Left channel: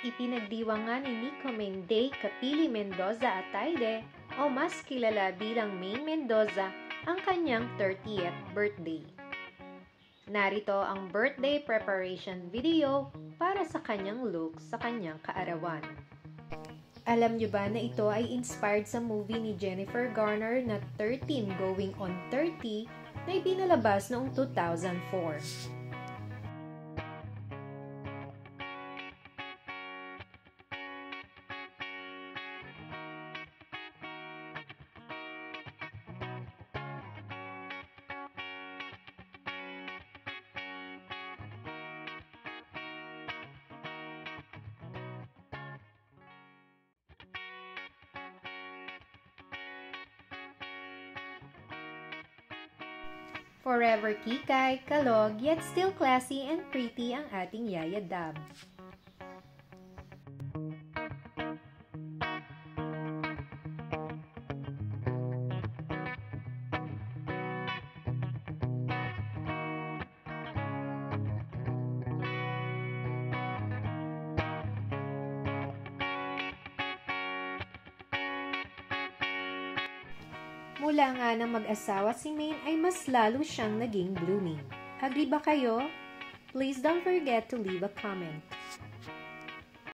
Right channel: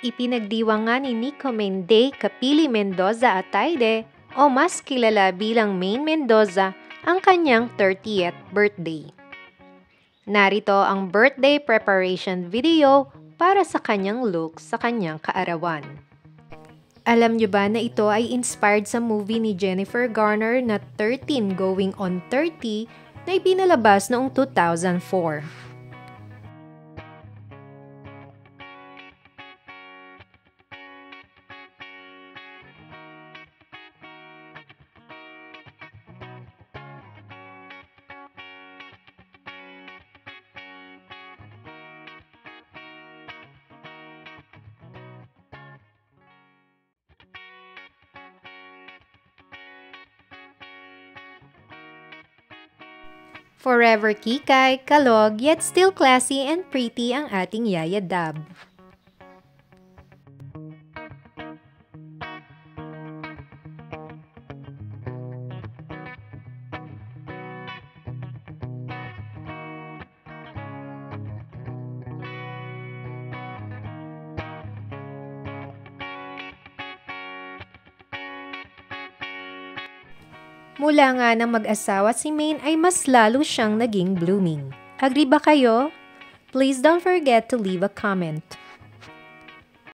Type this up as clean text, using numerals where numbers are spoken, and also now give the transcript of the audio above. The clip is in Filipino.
Ipinagdiwang nga ni Nico Mende Capili Mendoza Ataide o mas kilala bilang Maine Mendoza ang kanyang 30th birthday. Narito ang birthday preparation video para sa kanyang look sa kanyang kaarawan. Alam nyo ba na ito ay inspired sa movie ni Jennifer Garner na 13 Going on 30 na ipinalabas noong 2004. Forever kikay, kalog, yet still classy and pretty ang ating Yaya Dab. Mula nga ng mag-asawa si Maine ay mas lalo siyang naging blooming. Agree ba kayo? Please don't forget to leave a comment.